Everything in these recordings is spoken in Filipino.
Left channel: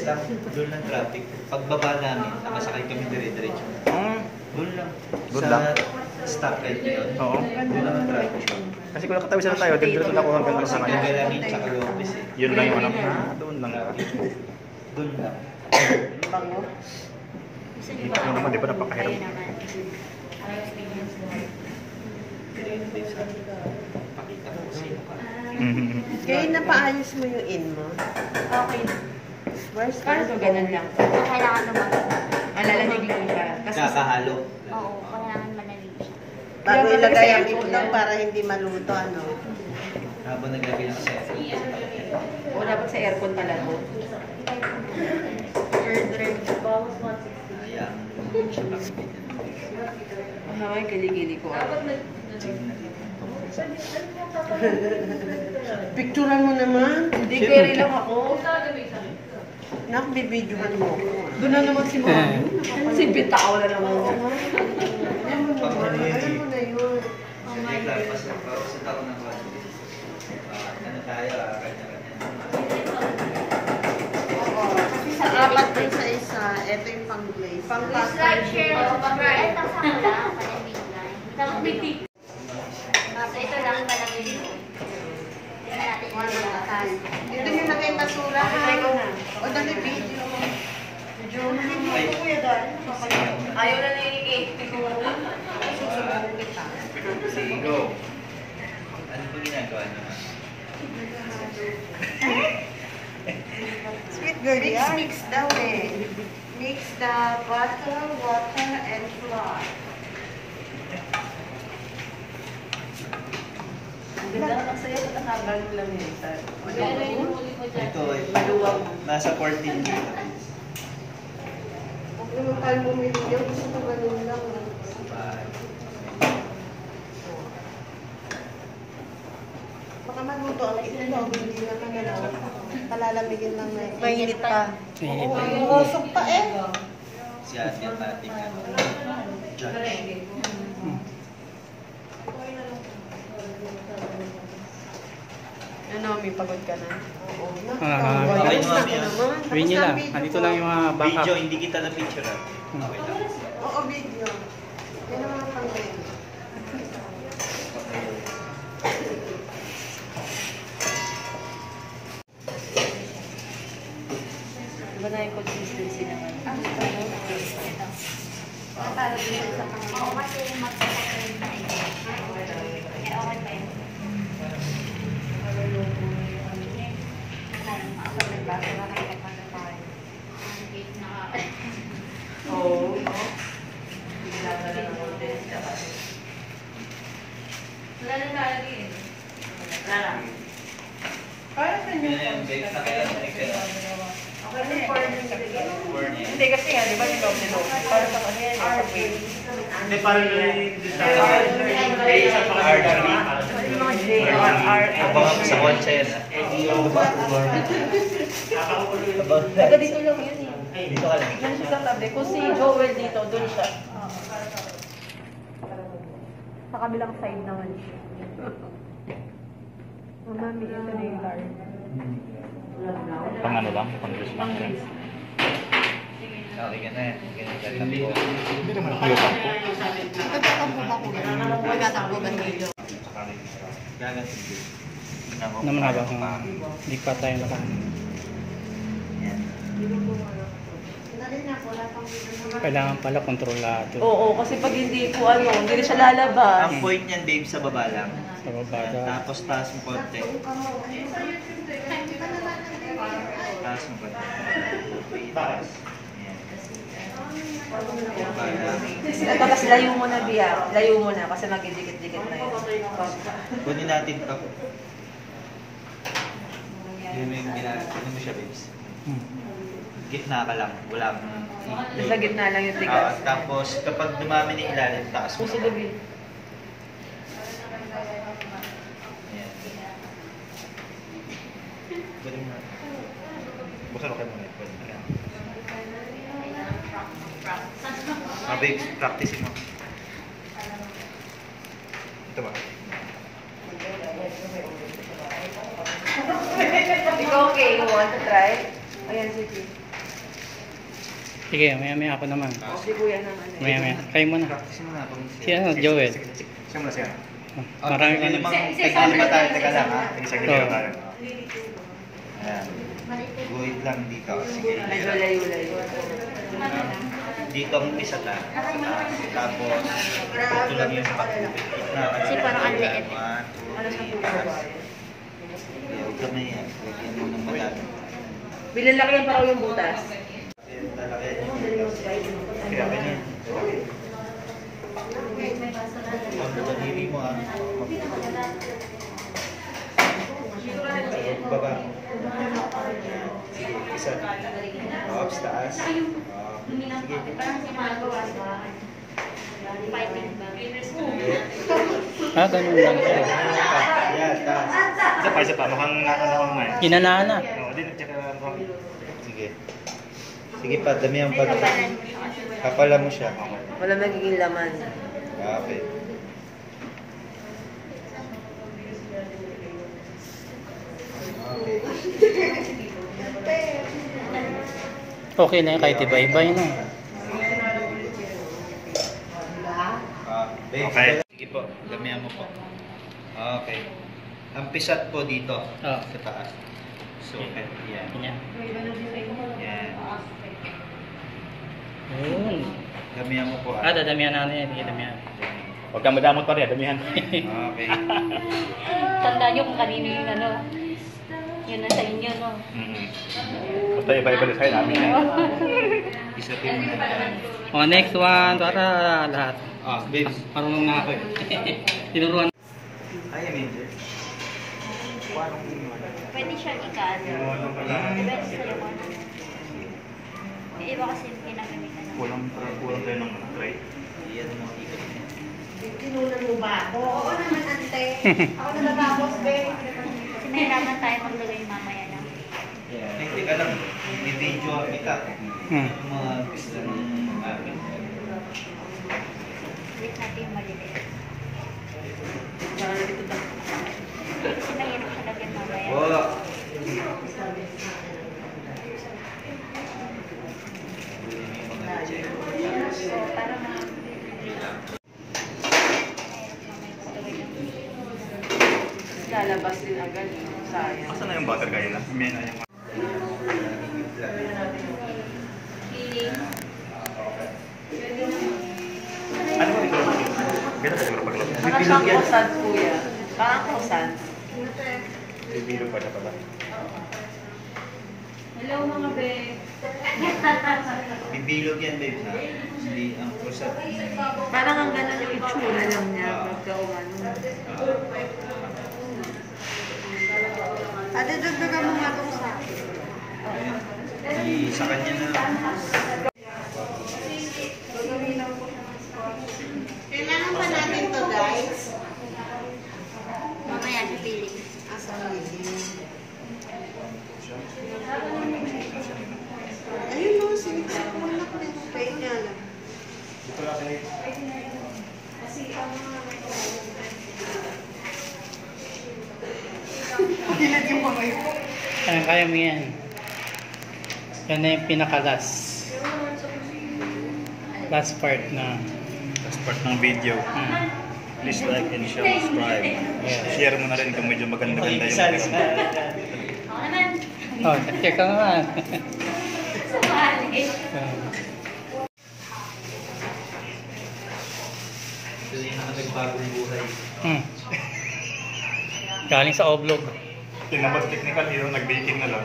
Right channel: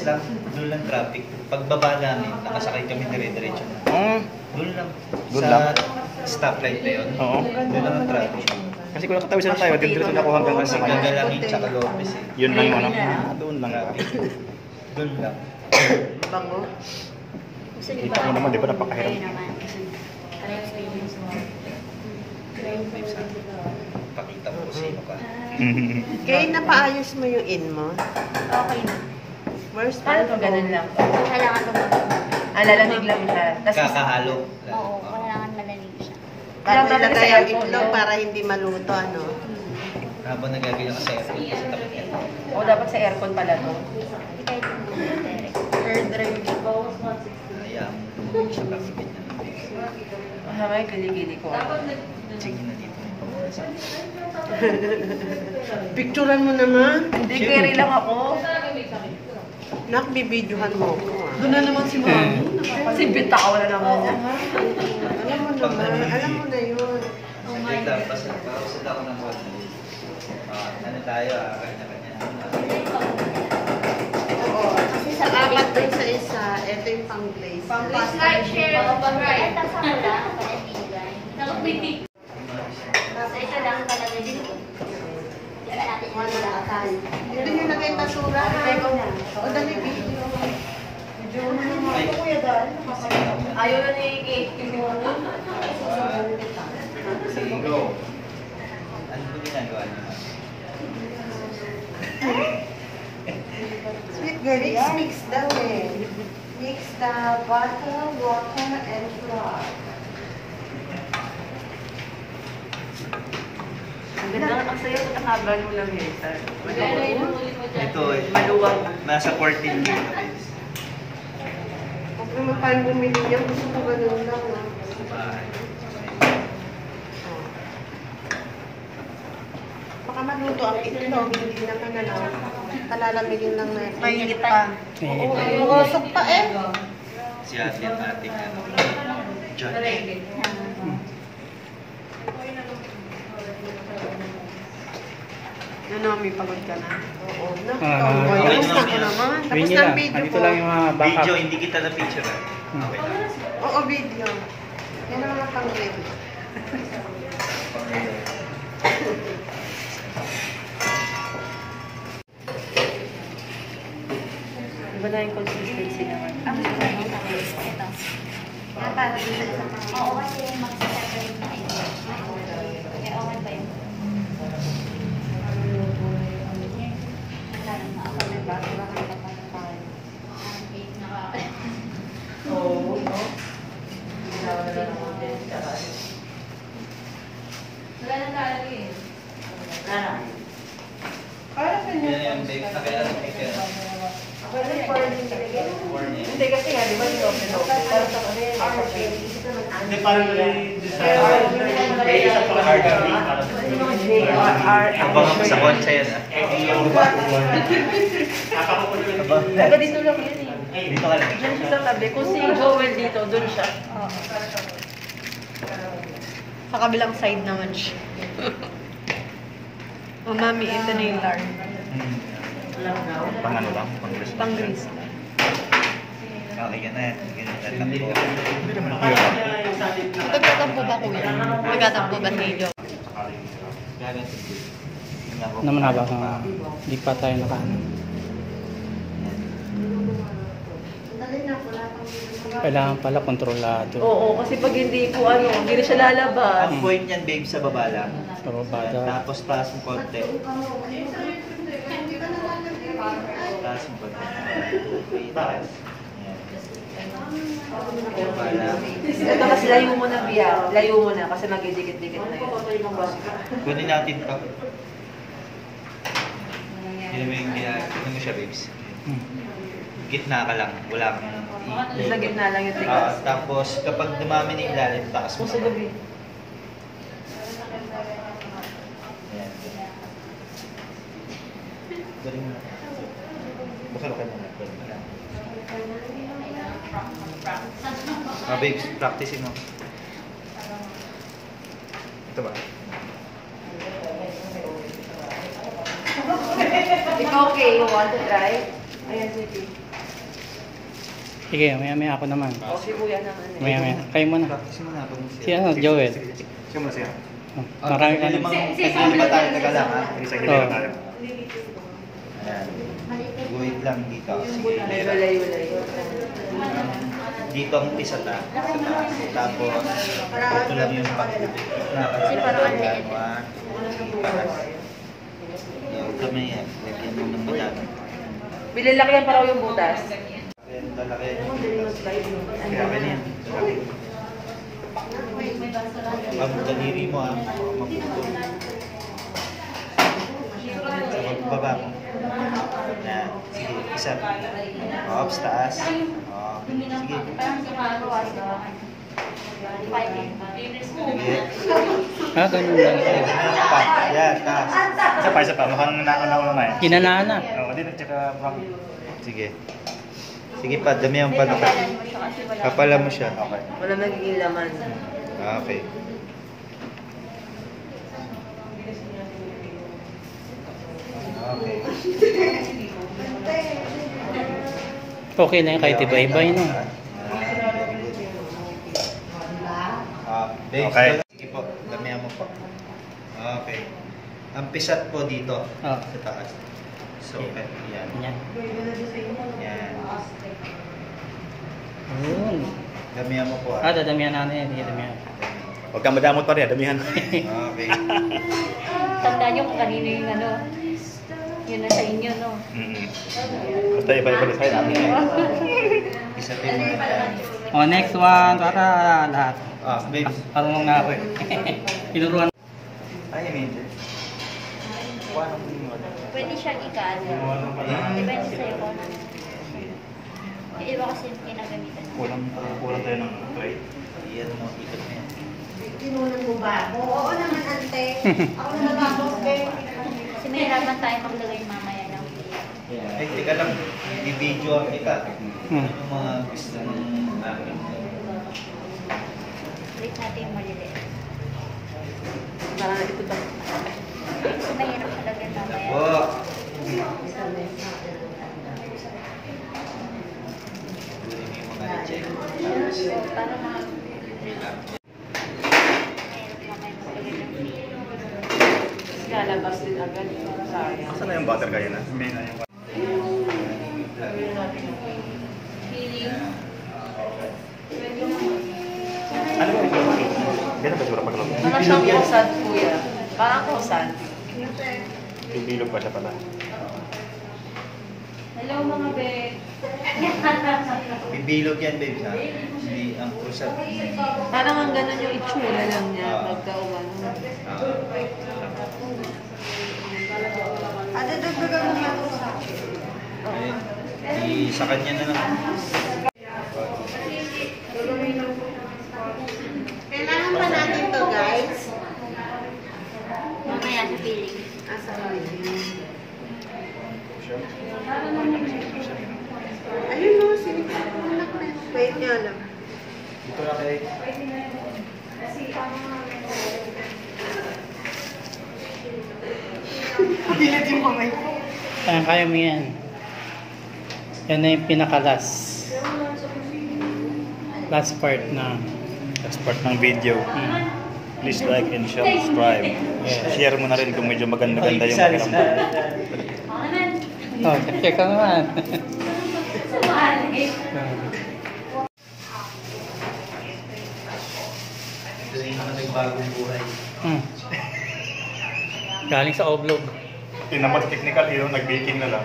Northwest lang, doon lang traffic. Pagbaba namin, nakasakay kami dire-diretso. Oo. Doon lang. Doon Sa lang? stoplight na yun. Oo. Doon lang ang traffic. Kasi kung nakatawi na tayo, diretso na ako hanggang Kasi sa kanya. gagalangin sa Calopes eh. Yun lang yung ano. Doon lang ka. Doon lang. Bango. Kita mo naman, di ba napakahirap? Pakita ko sa inyo pa. Kaya napaayos mo yung in mo? Okay na. First, Parang ganun lang. Kailangan lumabas. Lalamig lang siya. Kakahalo. Oo, kailangan malamig siya. bago Kaya ilagay ang sa itlog para hindi maluto, ano? Habang nagagawin ka sa airport, sa tapat yan. O dapat sa aircon pala to. Air dry. Ayan. Sa pagpipit niya ng base. Ay, kiligili ko. Sige na dito. Picturean mo naman. Hindi, carry lang ako. Nak, bibidyohan mo ko. Doon na naman si Mami. Si Bitaw na naman niya. Alam mo naman, alam mo na yun. Oh my God. Basta ako ng one day. Ano tayo, kanya-kanya. Oo, kasi sa apat din sa isa, ito yung pang-glaze. Please like, share, and subscribe. At kasama lang, kaibigan. Tapos may tip. So ito lang talaga dito. Tignan natin kung ano ang akal. Ito yung lagay basura, ha? O, dali video. Video mo naman ako, kuya, dahil. Ayaw na na yung cake. Susumbong kita. Sige, go. Ano po ginagawa naman? Sweet girl, mix daw eh. Mix the butter, water, and flour. Ang ganda, ang saya sa kahaba mo lang yun. Ito, Maluwag. nasa 14 dito. Huwag naman parang bumili niya. Gusto ko ganun lang. Baka maluto ang itlog. Hindi naman ano. Palalamigin lang na ito. Mainit pa. Oo, umusok pa eh. Si ate at ating judge. Ano, may pagod ka na? Oo. Ah, Kamusta ka naman? Sabihin niyo lang, andito lang yung mga backup. Video, hindi kita na picture. Okay lang. Oo, video. Yan ang mga pang-ready. Iba na yung consistency naman. Ito. Oo, kasi mag-separate na ito. Kaya okay ba yun? Oo. Wala na lalagay eh. Parang Yun na yung bake. Nakita na Hindi kasi nga, di ba yung lope-lope? Para sa ano yan, sa pwede. Hindi, parang abangan ko sa kotse yan. Taga dito lang yun eh. Dito ka lang. Yan siya sa tabi. Kung si Joel dito, dun siya. Sa kabilang side naman siya. O mami, ito na yung lard. Pang ano lang, pang grease. Pang grease. Okay, ganun. Ganun. Magtatampo ba kuya? Magtatampo ba kayo? Gaganto din. Naman habang hindi pa tayo nakaano. Dali na, wala pang Kailangan pala kontrolado. Oo, kasi pag hindi ko ano, hindi na siya lalabas. Ang point niyan, babe, sa baba lang. Sa babada. Tapos taas mo konti. Taas mo konti. Taas. Ayan. Baba lang. Tapos layo mo na, Bia. Layo mo na kasi magdidikit-dikit na yun. Kunin natin ito. Yun mo yung kunin mo siya, babes. Gitna ka lang. Wala kang Sa gitna lang yung tigas. tapos kapag dumami na yung ilalim, taas mo Susunod naman. yun. Ayan. Kunin mo na. Buksan ka muna. Kunin mo lang. Babes, practice mo. Ito ba? Ikaw okay? You want to try? Ayan, sige. Sige, maya-maya ako naman. Si kuya naman. Maya-maya. Kayo muna. Practice mo na. Si ano, Joel. Siya muna siya. Oh, marami ka naman. Tag-lima tayo, taga lang ha. Sa gilid tayo. Ayan. Guhit lang dito. Layo-layo. Dito ang umpisa ta. Tapos, ito lang yung pag-ubit. Kasi parang ang liit. Huwag ka na yan. Lagyan mo ng madami. Bilalaki yan para yung butas. Kaya ganyan. Ang daliri mo ha. Baba. Yan. Sige, isa. Ups, taas. Sige. Ganun lang siya. Yan, taas. Isa pa. Mukhang nauna na eh. Ginanaan na. Oo, din at saka mukhang... Sige. Sige pa, damihan pa. Kapalan mo siya. Wala magiging laman. Okay. Okay na yun kahit iba-ibay no. Okay. Sige po, damihan mo po. Okay. Ang pisat po dito Oh. sa taas. So, yan. Yan. Yan. Ayun. Damihan mo po. ah. Dadamihan natin yan. Sige, damihan. Huwag kang madamot pa rin, damihan. Okay. Tandaan nyo kung kanino yung ano. Yun na sa inyo, no? Basta iba-iba na sa'yo namin eh. Isa din. Oh, next one. Para lahat. Babes. Marunong na ako eh. Tinuruan. Ay, Angel. Paano mo Pwede siyang ikano. Depende sa'yo kung ano. Yung iba kasi pinagamitan na. Kulang tayo ng tray. Iyan mo ito niya. Tinunan mo ba? Oo naman, ante. Ako na natapos, babe. Kasi mahirapan tayo maglagay mamaya ng Ay, teka lang. Bibidyo kita. Hmm. Yung mga gusto ng akin. ulit natin yung maliliit. Saka na dito ba? Kasi mahirap talaga mamaya. Wow. So, para mahirap mamaya maglagay ng Lalabas din agad. Sayang. Saan na yung butter kayo na? May na yung... Ano ba yung glove? Ganun ba siguro pag glove? Parang siyang croissant, kuya. Parang croissant. Bibilog pa siya pala. Hello mga be. Bibilog yan, babe, ha? Hindi ang kusap. Parang ang ganun yung itsura lang niya. Nagkaumano. Ate, dagdagan mo nga po sa Sa kanya na lang. kailangan pa natin to, guys. Mamaya sa feeling. Asa mo ayun mo, siniksa ko na lang. Kahit niya alam. Dito na kayo. Pilit yung kamay ko. Kaya mo yan. Yan na yung pinaka-last. Last part na. Next part ng video. Please like and subscribe. Yes. Share mo na rin kung medyo maganda-ganda yung Oh, check ka naman. Ito yung mga nagbagong buhay. Galing sa oblog. Tinamad technical, yun, nag-baking na lang.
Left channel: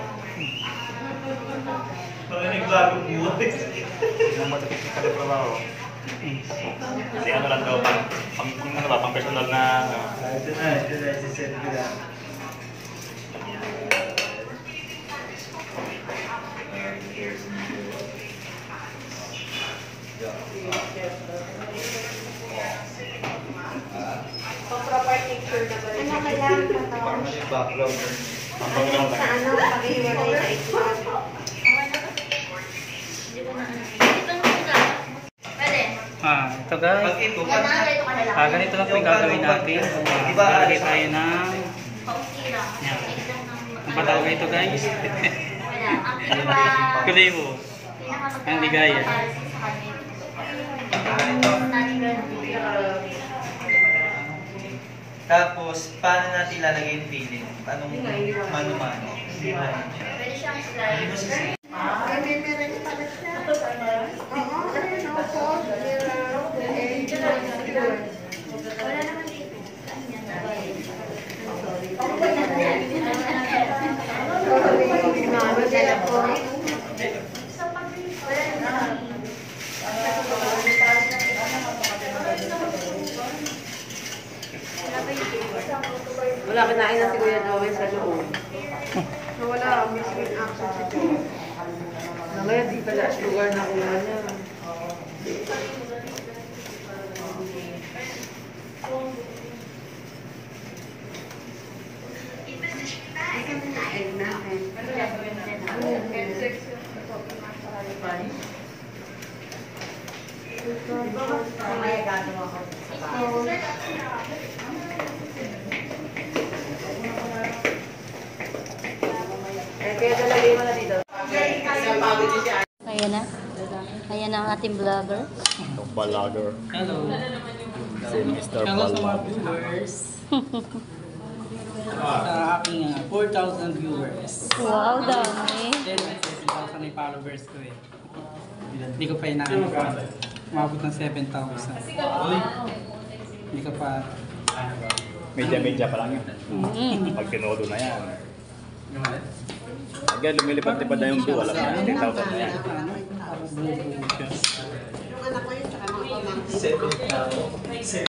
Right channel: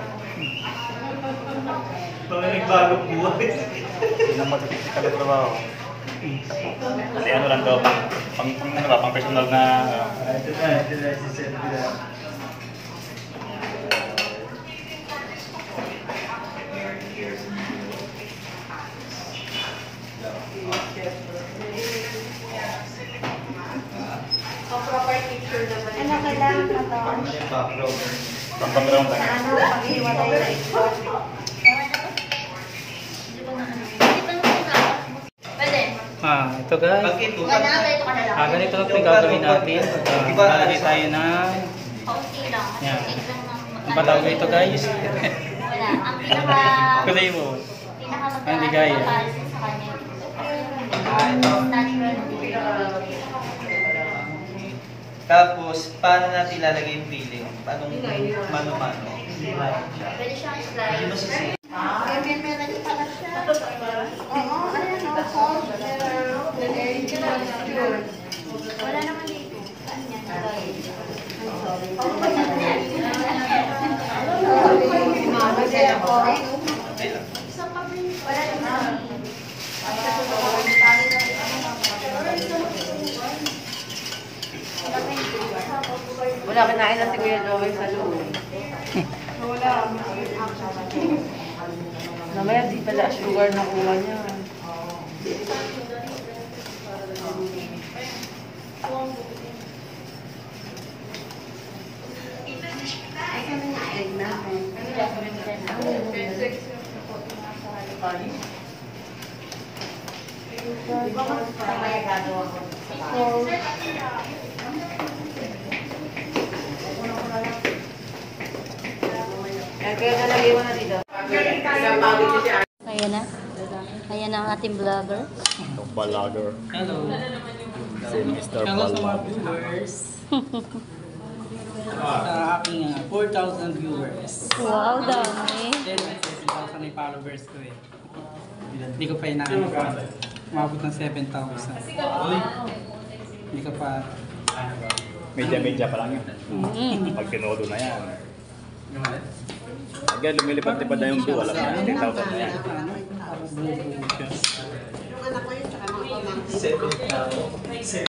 Mga nagbagong buhay. Tinamad technical yung trabaho. Kasi ano lang daw, pang personal na... Ito na, si-send ko na. Proper picture naman. Ano kailangan na to? Parang may background. Pang background Sa lang. ano, pag-iwalay sa ito. Pwede. Ito guys. Ito, Ganda na ito ka na lang. Ganito lang po yung gagawin natin. Lagay tayo ng... Kaunti lang. Yan. Ito ng Ang palagay ito guys. Wala. Ang pinaka... Kulay mo. Pinaka Hindi kaya. Sa kanya. Tapos, paano natin ilalagay yung feeling? Anong mano-mano? Hindi ba siya? Pwede siyang Hindi slide. mo sisi. May meron pala siya. Oo, ayun o. Folder. Wala naman dito. Saan yan? Mano din ako. Wala naman. Wala, kinain na si Kuya Joel sa loob. Wala, missing action siya. Namaya, di pala sugar na kuha niya. Egg natin. Kaya nalagay mo na dito. Ayan na. Ayan ang ating vlogger. Balager. Hello. Si Mr. Hello sa mga Balager. viewers. Sa aking 4,000 viewers. Wow, dami. Then, 7,000 na yung followers ko eh. Hindi ko pa inaano pa. Umabot ng 7,000. Hindi ko pa... Media-media pa lang yun. Pag tinodo na yan. Agad lumilipad-lipad na yung view. Alam mo, 10,000 na yan. Buo-buo siya. Yung anak ko yun, tsaka mga pamangkin.